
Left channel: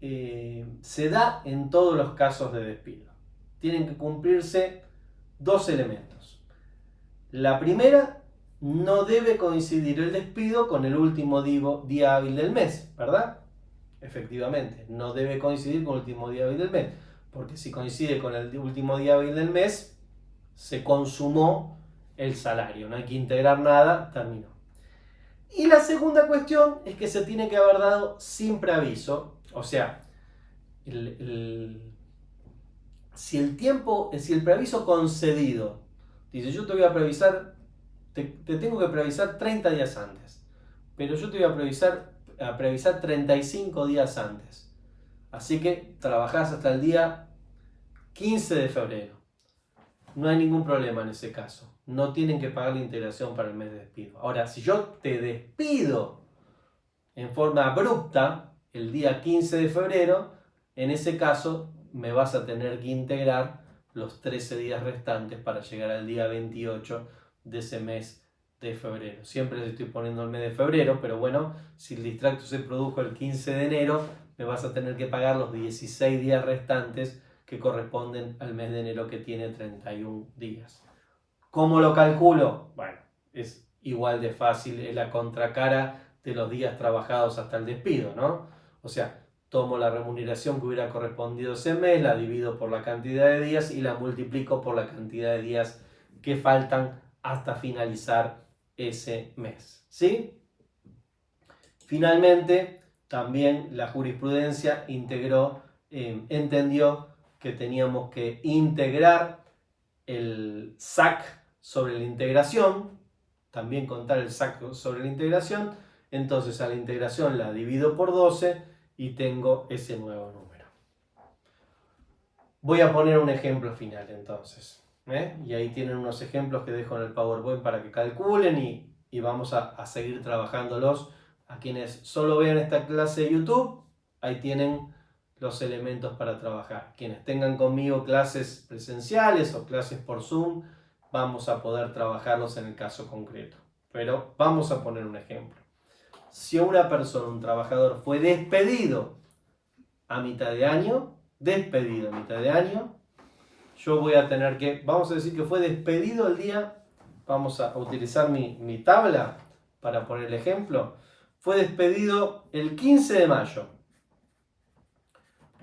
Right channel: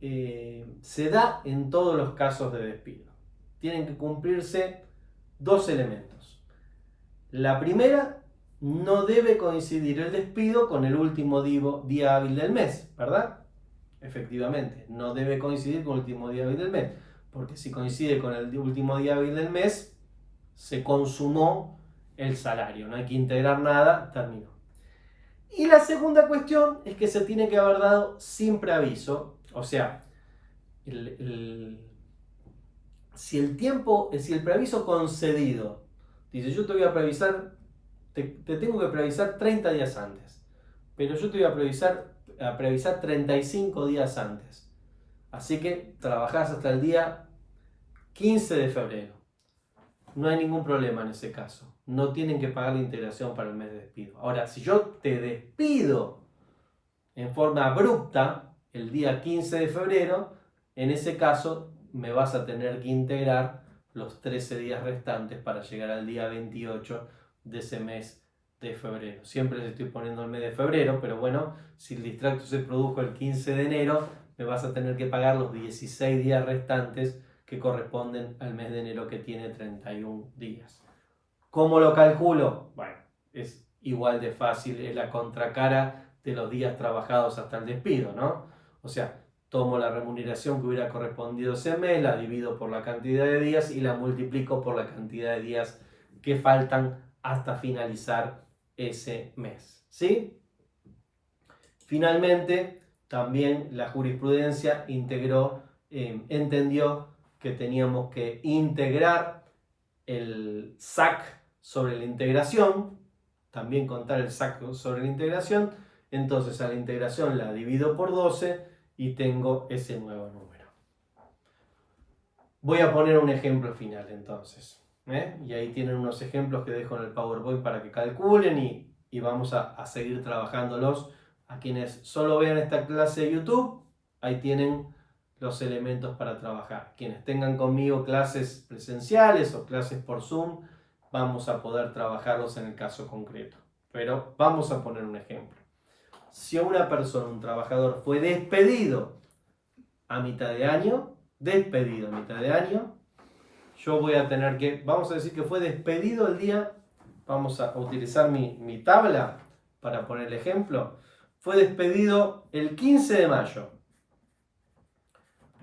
se da en todos los casos de despido. Tienen que cumplirse dos elementos. La primera, no debe coincidir el despido con el último día hábil del mes, ¿verdad? Efectivamente, no debe coincidir con el último día hábil del mes, porque si coincide con el último día hábil del mes, se consumó el salario, no hay que integrar nada, terminó. Y la segunda cuestión es que se tiene que haber dado sin preaviso, o sea, si el preaviso concedido dice yo te voy a preavisar, te tengo que preavisar 30 días antes, pero yo te voy a preavisar 35 días antes, así que trabajás hasta el día 15 de febrero. No hay ningún problema en ese caso. No tienen que pagar la integración para el mes de despido. Ahora, si yo te despido en forma abrupta el día 15 de febrero, en ese caso me vas a tener que integrar los 13 días restantes para llegar al día 28 de ese mes de febrero. Siempre les estoy poniendo el mes de febrero, pero bueno, si el distracto se produjo el 15 de enero, me vas a tener que pagar los 16 días restantes que corresponden al mes de enero, que tiene 31 días. ¿Cómo lo calculo? Bueno, es igual de fácil, es la contracara de los días trabajados hasta el despido, ¿no? O sea, tomo la remuneración que hubiera correspondido ese mes, la divido por la cantidad de días y la multiplico por la cantidad de días que faltan hasta finalizar ese mes, ¿sí? Finalmente, también la jurisprudencia entendió que teníamos que integrar el SAC sobre la integración, también contar el SAC sobre la integración, entonces a la integración la divido por 12 y tengo ese nuevo número. Voy a poner un ejemplo final entonces, y ahí tienen unos ejemplos que dejo en el PowerPoint para que calculen y vamos a seguir trabajándolos. A quienes solo vean esta clase de YouTube, ahí tienen los elementos para trabajar. Quienes tengan conmigo clases presenciales o clases por Zoom, vamos a poder trabajarlos en el caso concreto. Pero vamos a poner un ejemplo. Si una persona, un trabajador, fue despedido a mitad de año, yo voy a tener que, vamos a decir que fue despedido el día, vamos a utilizar mi tabla para poner el ejemplo, fue despedido el 15 de mayo.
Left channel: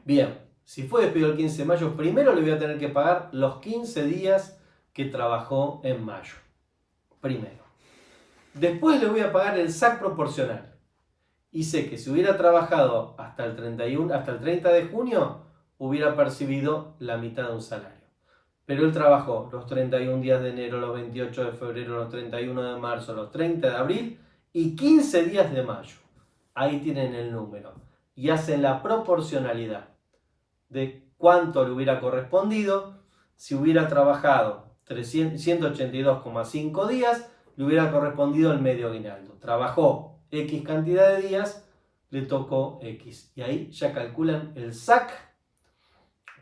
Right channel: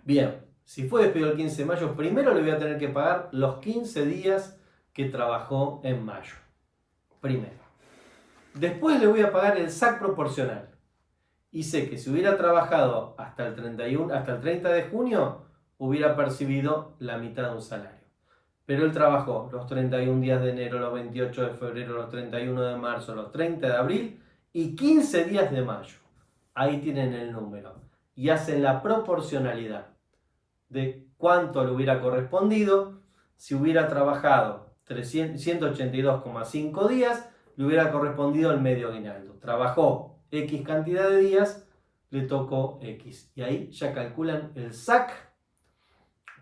Bien, Si fue despido el 15 de mayo, primero le voy a tener que pagar los 15 días que trabajó en mayo. Primero. Después le voy a pagar el SAC proporcional. Y sé que si hubiera trabajado hasta el 30 de junio, hubiera percibido la mitad de un salario. Pero él trabajó los 31 días de enero, los 28 de febrero, los 31 de marzo, los 30 de abril y 15 días de mayo. Ahí tienen el número. Y hacen la proporcionalidad de cuánto le hubiera correspondido. Si hubiera trabajado 182,5 días, le hubiera correspondido el medio aguinaldo. Trabajó X cantidad de días, le tocó X. Y ahí ya calculan el SAC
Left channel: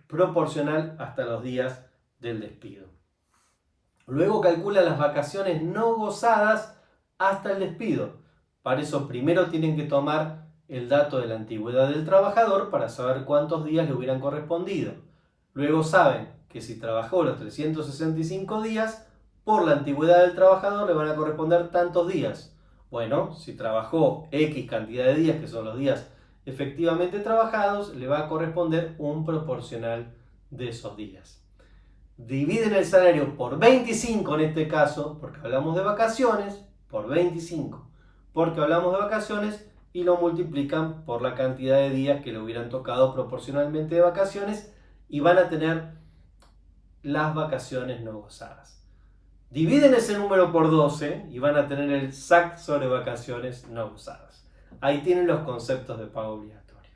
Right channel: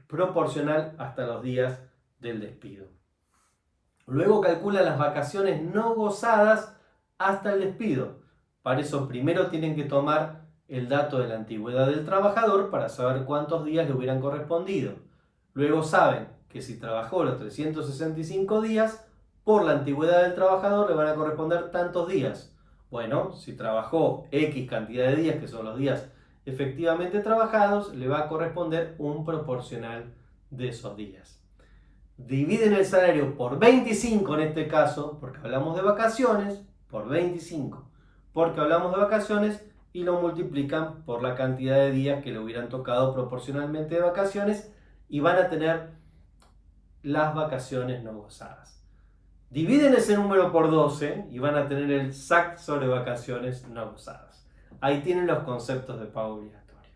proporcional hasta los días del despido. Luego calculan las vacaciones no gozadas hasta el despido. Para eso primero tienen que tomar el dato de la antigüedad del trabajador para saber cuántos días le hubieran correspondido. Luego saben que si trabajó los 365 días, por la antigüedad del trabajador le van a corresponder tantos días. Bueno, si trabajó X cantidad de días, que son los días efectivamente trabajados, le va a corresponder un proporcional de esos días. Dividen el salario por 25 en este caso, porque hablamos de vacaciones, por 25, porque hablamos de vacaciones, y lo multiplican por la cantidad de días que le hubieran tocado proporcionalmente de vacaciones y van a tener las vacaciones no gozadas. Dividen ese número por 12 y van a tener el SAC sobre vacaciones no gozadas. Ahí tienen los conceptos de pago obligatorio.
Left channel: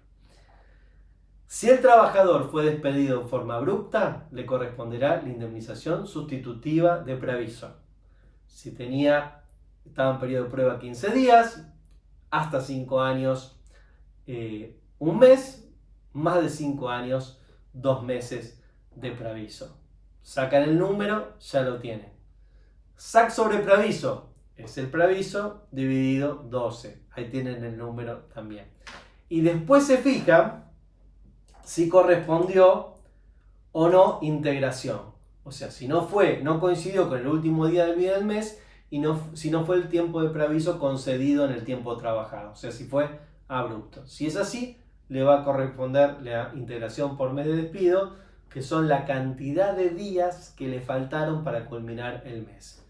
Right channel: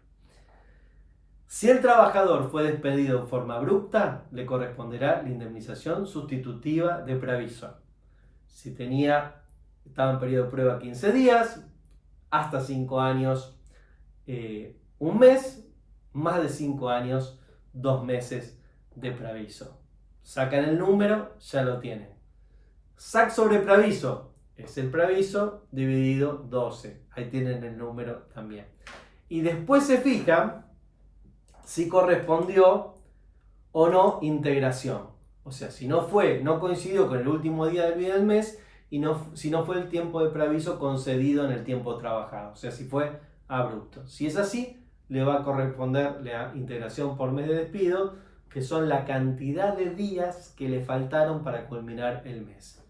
Si el trabajador fue despedido en forma abrupta, le corresponderá la indemnización sustitutiva de preaviso. Si estaba en periodo de prueba 15 días, hasta 5 años, un mes, más de 5 años, 2 meses de preaviso. Sacan el número, ya lo tienen. SAC sobre preaviso es el preaviso dividido 12. Ahí tienen el número también. Y después se fijan si correspondió o no integración. O sea, si no coincidió con el último día del mes, y si no fue el tiempo de preaviso concedido en el tiempo trabajado, o sea, si fue abrupto. Si es así, le va a corresponder la integración por mes de despido, que son la cantidad de días que le faltaron para culminar el mes.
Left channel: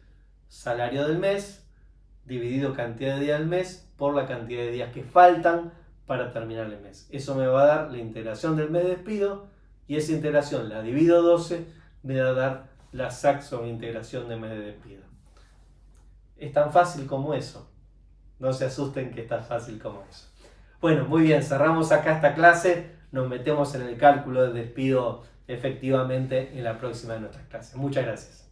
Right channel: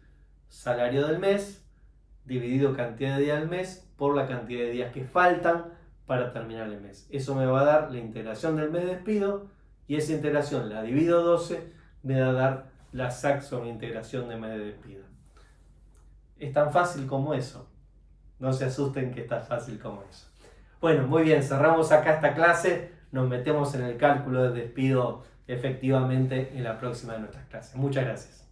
Salario del mes dividido cantidad de días del mes por la cantidad de días que faltan para terminar el mes. Eso me va a dar la integración del mes de despido, y esa integración la divido 12, me va a dar la SAC sobre integración de mes de despido. Es tan fácil como eso. No se asusten que es tan fácil como eso. Bueno, muy bien, cerramos acá esta clase. Nos metemos en el cálculo del despido efectivamente en la próxima de nuestras clases. Muchas gracias.